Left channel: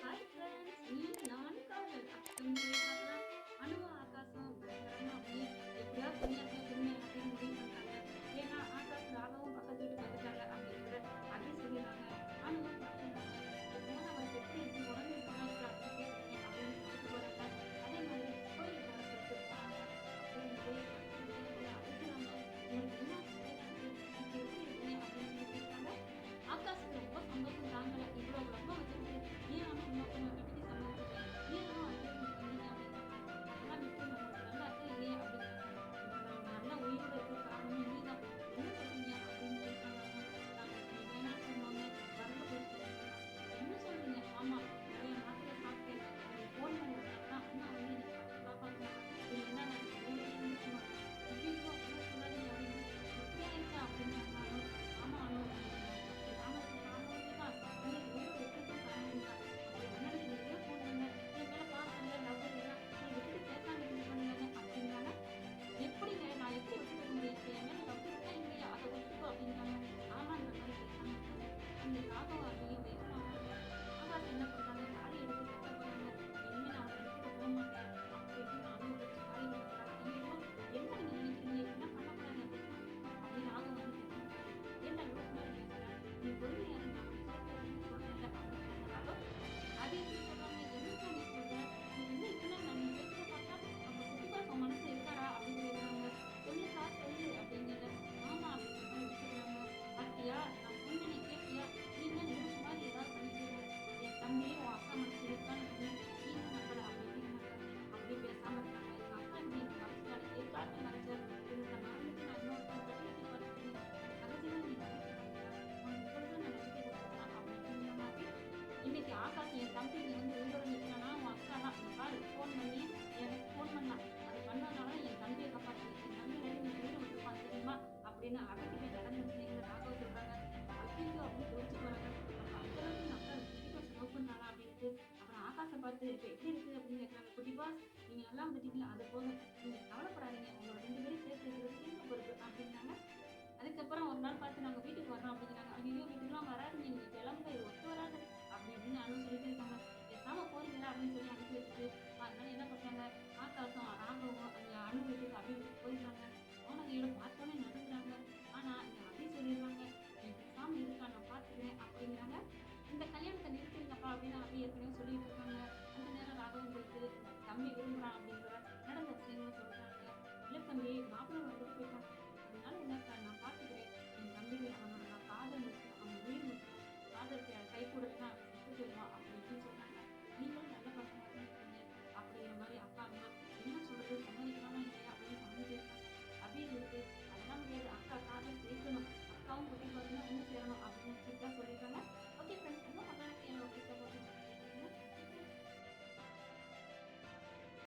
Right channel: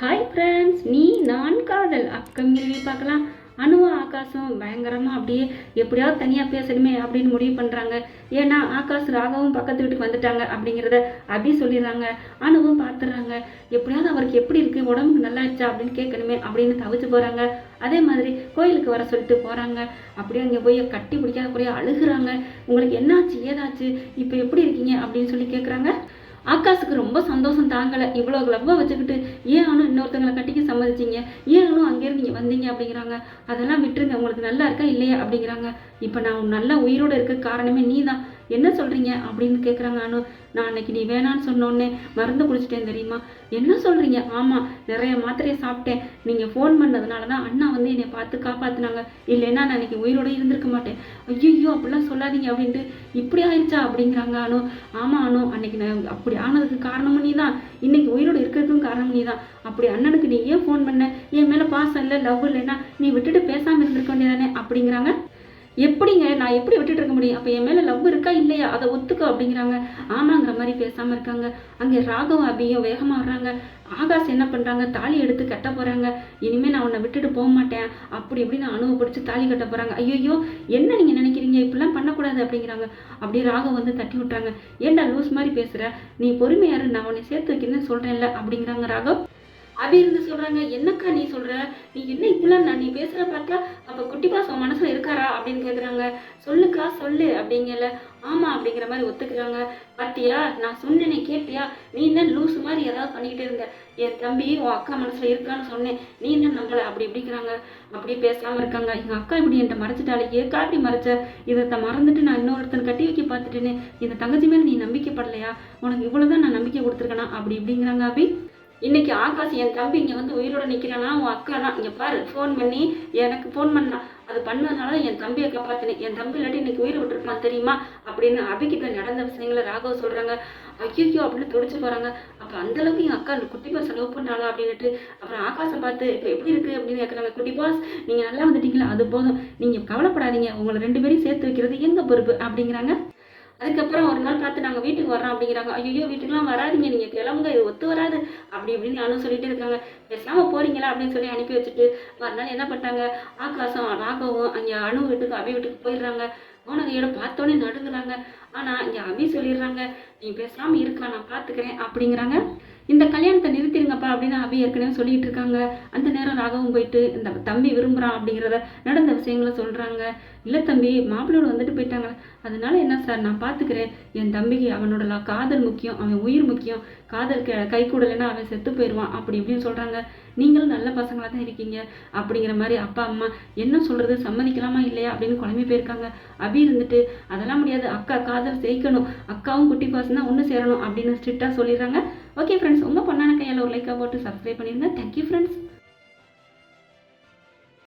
Hi friends நீ நான் காதல். அப்கமிங் பார்க்கலாம். அணுவா ஆகாசம் பயங்கரமாக அப்படியே எப்படியாவது தனியாக பேசணுமே அப்படின்னு முடிவு பண்ணுறாங்க ஏன்னா ஆகாஷ் ராகவும் பக்கத்து வீட்டுக்கு வந்துட்டாங்க அப்படிங்கிறத அபி சொல்லிடுறாங்க. அணுவும் பார்த்துடுறாங்க எப்படியாவது அவருக்கு எப்படி இருக்குது உடம்புக்கு நல்லா இருச்சா அப்படின்னு கேட்கணுமே அப்படின்னு தவிச்சு போகிறாங்க அதே மாதிரி கோயிலுக்கு வர சொல்லிட்டு போகிறாங்க அப்படியே அங்கே போய் கட்டி பிடிக்காத போய் அழுகுறாங்க. உங்களுக்கு என்னாச்சு ஏதாச்சு? இப்போ எப்படி இருக்கீங்க அப்படின்னு சொல்லி கேட்குறாங்க ஆகாஷுக்கு ரொம்ப சந்தோஷம் தாங்கலை. இவ்வளோ லவ்வை வச்சுக்கிட்டு ஏன் ஆனும் இன்னொருத்தங்களை கட்டிக்க சம்மதிச்சிங்க? ஏன் ஆனும் அங்கேருந்து நீங்கள் வந்தீங்க? அப்படிங்கிறாங்க. அதெல்லாம் விட்டுருங்க. உங்களுக்கு நல்லா இருக்கா இல்லையா? அப்படிங்கிறாங்க. இப்போ நான் நல்ல உயிரோடு இருக்க காரணமே நீ தான் என்ன சொல்கிறீங்க அப்படின்னு கேட்குறாங்க அனு. நான் அன்னைக்கு நீ வேணான்னு சொன்னோன்னே மருந்து குடிச்சிட்டேன் தெரியுமா? என்ன சொல்கிறீங்க ஆமாம் நிறைய மாத்திரையை சாப்பிட்டேன். நீங்கள் ஃபோன் பண்ணதுனால தான் அண்ணா வந்து என்னை பார்த்து காப்பாற்றினாங்க இல்லைன்னா நான் அன்றைக்கி உயிரோட இருந்திருக்க மாட்டேன். ஐயோ அப்படிலாம் சொல்லாதீங்க. அப்படின்ட்டு இப்படி ஆயிடுச்சா அப்படிங்கிறாங்க அனு. ஆமாம் அனு. அன்னைக்கு நான் அப்படி ஆனதுக்கு காரணமும் நீ தான் இன்னைக்கு உயிரோடு இருக்கிறதுக்கும் காரணம் நீ தான் அப்படி அண்ணனுக்கு நீ ஏன் ஃபோன் பண்ண? என் மேலே பாசம் இல்லை லவ் இல்லைன்னா நீ விட்டுட்டு பேசாமல் இருந்திருக்க வேண்டியதானே அப்படிங்கிறாங்க எப்படிங்க? நான் எப்படி விட்டுட்டு இருக்க முடியும்? அப்போ என் மேலே லவ் இருக்கா இல்லையா? அதை ஒத்துக்கோ அப்படிங்கிறாங்க. ஆமாங்கிற மாதிரி பேசாமல் இருக்காங்க. அங்கே ராகவும் அபியும் வேகமாக வர்றாங்க. ஆகாஷ் என்ன பண்ணுறாங்க தாலி எடுத்து கட்ட போகிறாங்க இனிமேல் நான் உன்னை விட்டுட்டு போக மாட்டேன். அப்படி இப்படின்னு அனுபவப்படுத்தி தாலி கட்ட போகிறாங்க ஐயோ என்ன நீங்கள் நினைக்கிறீங்க? இப்படிலாம் பண்ணக்கூடாது அப்படிங்கிறாங்க. அப்படி ராகம் வந்து தட்டி விட்டாங்க ஏன்டா லூஸ் மாதிரி பேசுகிற நீ பொறுமையாரு நான் உன்னை சேர்த்து வைக்கிறேன்னு சொல்கிறேன்ல அப்படிங்கிறாங்க ராகவ். அபி இருந்து சொல்றாங்க என்னக்கா நீ சொல்ற? நீ என்ன இப்படிலாம் நான் நீ பேசுற பார்த்தா அப்ப குட்டி பாஸ் உன் மனசுல இருக்காரா? அப்படின்னு கேக்குறாங்க. சொல்லுக்கா சொல்லு அப்படிங்கல. ஆமா அப்படிங்கிற மாதிரி ஒத்துக்கிறாங்க. பாத்தியா நான் சொன்னேனே கேட்டியா? நீ என்ன லூஸ் மாதிரி ஏதாவது பண்ணிக்கிட்டே இருந்த? என் தம்பி உன் அக்கா மனசுல இருக்கான்னு சொன்னேன். நீ என்ன நம்பலை? அப்படி இப்படிங்கிறாங்க. அப்படியே பேசாம இருக்காங்க. எங்க அக்கா இப்படி என்கிட்ட மறைச்சிட்டாலே ஏக்கா இப்படி மறைச்ச? இதை மறந்துட்டு நான் இன்னொருத்தன் கட்டி வைக்க பார்த்துட்டேன்னு இந்த தங்கச்சி மேல நீ நம்பிக்கைப்படலையா? உனக்கு இவ்வளவுதான் நான் நம்பிக்கை கொடுத்துருக்கேனா? அப்படி இப்படிங்கிறாங்க அப்படி இன்னைக்கு ஆகாஷ் என் தம்பி இங்கே வந்து உயிரோட நிற்கிறானா உன் அக்கா தான் இங்கே பாரு ஃபோன் பண்ணி எனக்கு ஃபோன் பண்ணா. அது பண்ணதுனால என் தம்பியை காப்பாற்றினேன் என் தம்பி இல்லாட்டி இன்னைக்கு உயிரை விட்டுருப்பான் தெரியுமா? அப்படின்னு அபிகிட்ட நடந்த விஷயங்களை ராகவ சொல்கிறாங்க ஐயோ அப்படின்னு துடிச்சு போகிறாங்க அப்போ அந்தளவுக்கு என் அக்கா அந்த குட்டி பாஸ் லவ் பண்ணாளா அப்படின்னுட்டு அப்புறம் ஆகாசம் பார்த்து இப்போ எப்படி இருக்குது அப்படின்னு கேட்குறாங்க குட்டி பாஸ் நீங்கள் நல்லா வந்துட்டீங்களா? அது போதும். நீங்கள் கவலைப்படாதீங்க. உங்களை ரெண்டு பேரையும் சேர்த்து வைக்கிறது எங்கள் பொறுப்பு? அப்படிங்கிறாங்க. அதுக்கப்புறம் ஒரு நாள் பார்த்து நாங்கள் வீட்டுக்கு வரோம் அப்படிங்கிறாங்க. ஐயோ வீட்டுக்குலாம் வராதீங்க. நீங்கள் கிளம்புங்க. இது ஒத்து வராது. அப்படி இப்படின்னு நானும் சொல்லிட்டு இருக்காங்க. பேசாமல் போறீங்களா அப்படின்னு சொல்லி அனுப்பி வச்சுட்டு மறுநாள் என்ன பண்ணிட்டாங்க? ஆகாசம் ராகவும் அங்கே அணு வீட்டுக்கு அபி வீட்டுக்கு போயிடுறாங்க. போனதையோட பார்த்தோன்னே நடுங்குறாங்க. ஆனால் இங்கே அபி சொல்லிடுறாங்க நீ பேசாமல் இருக்கா நான் பார்த்துக்கிறேன் அப்படிங்கிறாங்க. இந்த கல்யாணத்தை நிறுத்திடுங்கப்பா அப்படின்னு அபி ஏற்கனவே சொல்லிட்டு இருக்காங்க. அந்த நேரம் ராகவும் போயிட்டு இந்த தம்பி விரும்புகிறான் அப்படிங்கிறத நடந்த விஷயங்களை சொல்கிறாங்க இல்லை தம்பி மாப்பிள்ளோடு வந்துட்டு போயிட்டாங்க. அதனால என்ன சார் நான் பார்த்துக்கிறேன் என் தம்பிக்கு அவனோட காதல் முக்கியம் அவன் உயிர் முக்கியம். காதல் க- கை கூடலைன்னா அவன் செத்து போயிடுவான் அப்படி இப்படின்னு சொல்கிறாங்க நீங்களும் நல்ல பசங்களாக தான் இருக்கீங்க அப்படிங்கிற மாதிரி அப்பா அம்மா என்ன சொல்கிறது சம்மதிக்கலாமா இல்லையா அப்படின்னு குழம்பி போயிருக்காங்க. அபி இருந்துட்டு அதெல்லாம் முடியாது. அக்கா காதல் ஜெயிக்கணும் அக்காவும் குட்டி பர்சன் தான் ஒன்று சேரணும் அப்படின்னு ஸ்ட்ரிக்டாக சொல்லிடுறாங்க. ஓகே ஃப்ரெண்ட்ஸ் உங்கள் பொண்ணான கையால் ஒரு லைக்காக போட்டு சப்ஸ்கிரைப் பண்ணிடுங்க. Thank you friends